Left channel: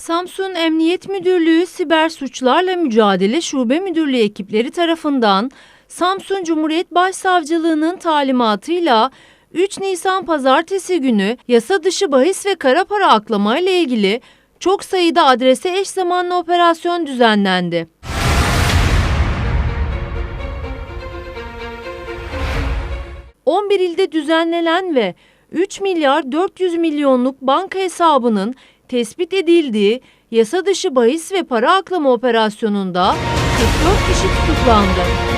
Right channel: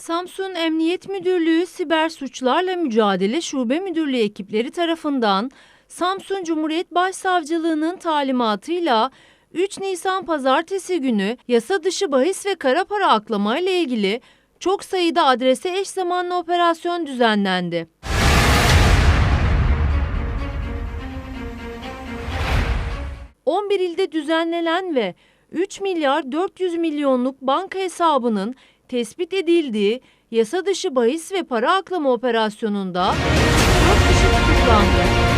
Samsun Emniyet Müdürlüğü Siber Suçlarla Mücadele Şube Müdürlüğü ekipleri tarafından Samsun Cumhuriyet Başsavcılığı'nın talimatıyla 3 Nisan pazartesi günü yasa dışı bahis ve kara para aklama ile ilgili çok sayıda adrese eş zamanlı operasyon düzenlendi. ...11 ilde düzenlenen ve 3 milyar 400 milyonluk banka hesabının tespit edildiği yasa dışı bahis ve para aklama operasyonunda 44 kişi tutuklandı.